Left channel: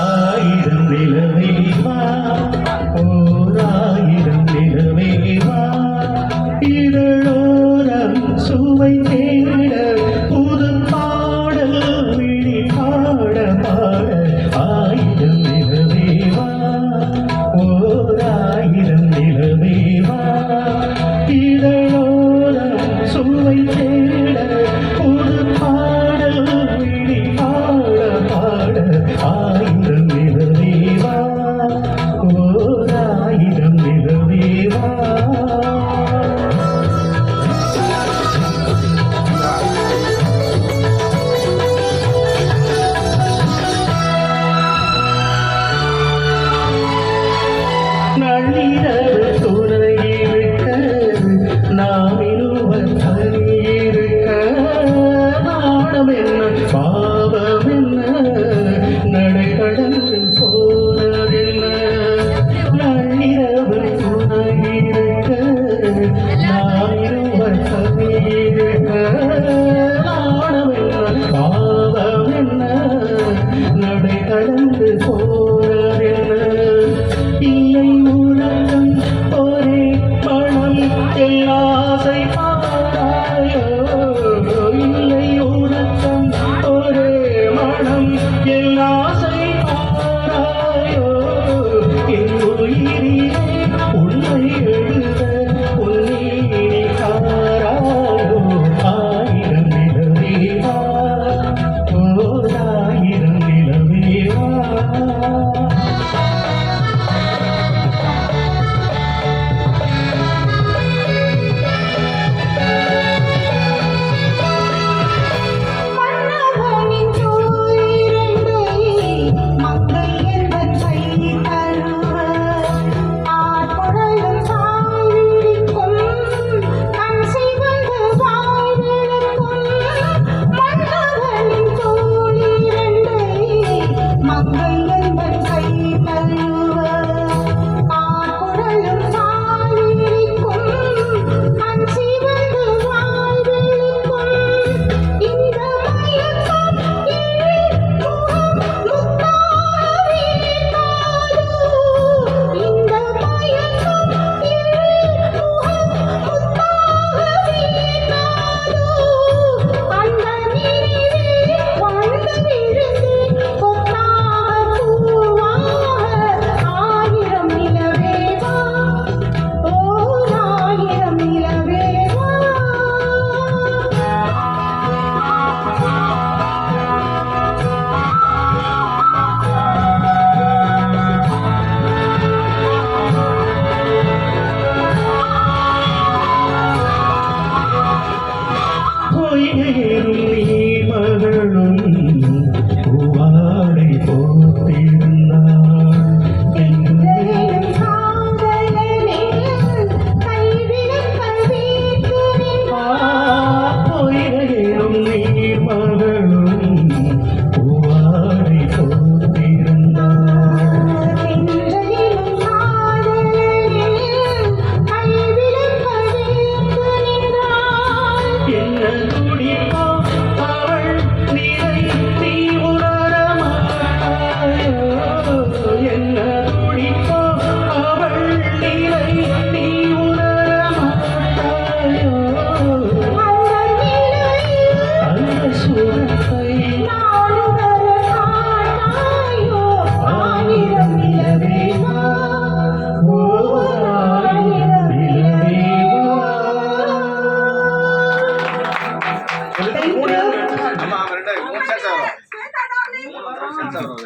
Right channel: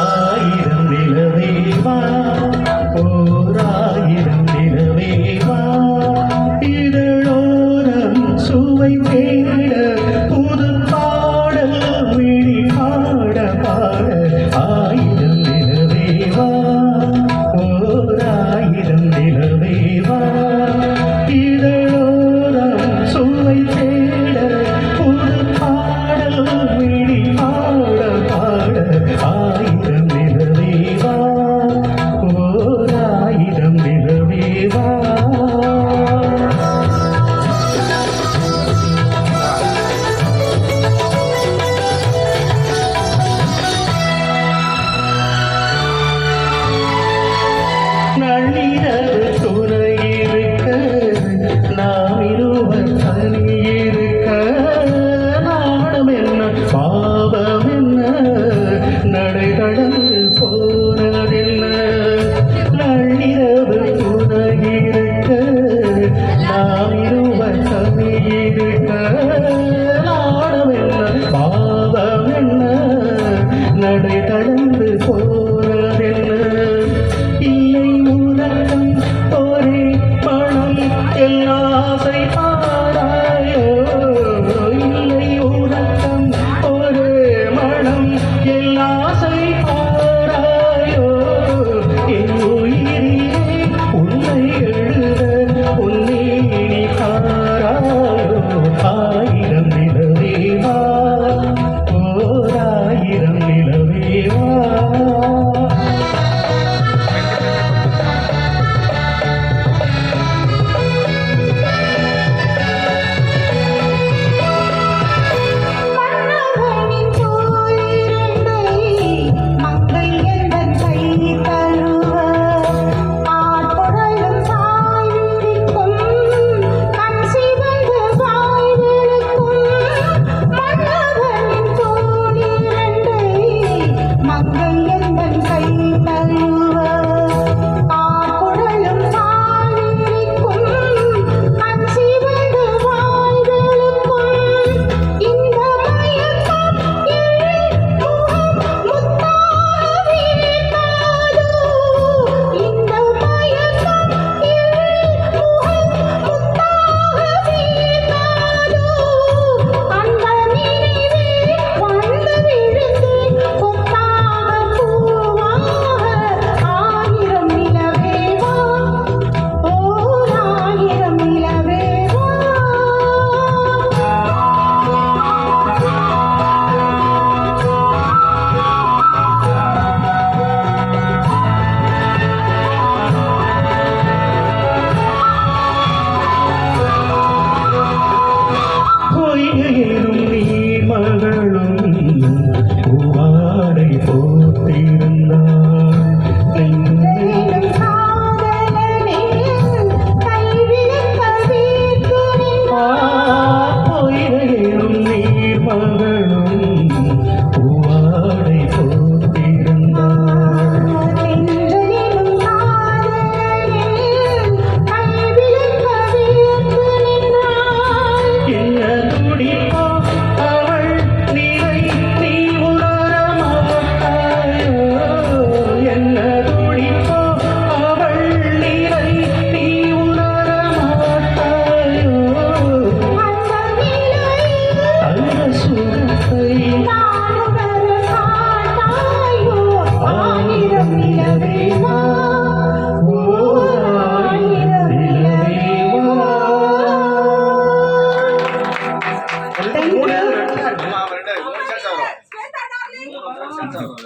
ஆயிரம் நிலவேவா ஓராயிரம் நிலவேவா இதழோரம் சுவை தேட புது பாடல் விழி பாட பாட ஆயிரம் நிலவேவா ஓராயிரம் நிலவேவா இதழோரம் சுவை தேட புது பாடல் விழி பாட பாட ஆயிரம் நிலவேவா ஓராயிரம் நிலவேவா நள்ளிரவு துணை இருக்க நாம் இருவர் தனி இருக்க நாணம் என்ன பாவம் என்ன நடை கடந்து போனதென்ன நள்ளிரவு துணை இருக்க நாம் இருவர் தனி இருக்க நாணம் என்ன பாவம் என்ன நடை கடந்து போனதென்ன இல்லை உலகம் ஒரே பணம் எல்லாசை பாராயோ இல்லை உலகம் ஒரே மனம் எல்லாசை பாராயோ என் உயிரிலே உன்னை எழுத உன்னீடி காராயோ ஆயிரம் நிலவேவா ஓராயிரம் நிலவேவா பொய்கையிலும் நீர் மகளும் பூவாடை போட்டிருந்தாள் பொய்கையிலும் நீர் மகளும் பூவாடை போட்டிருந்தாள் என்ன துடிப்போ அவள் நிலை நீ உணர மாட்டாயோ என்ன துடிப்போ அவள் நிலை நீ உணர மாட்டாயோ அந்த சுரத்தை ஆயிரம் நிலவேவா ஓராயிரம் நிலவேவா. ஆமா அவர்கிட்ட 3 செட்ஸ் வரும் 3 செட்ஸ் வரும்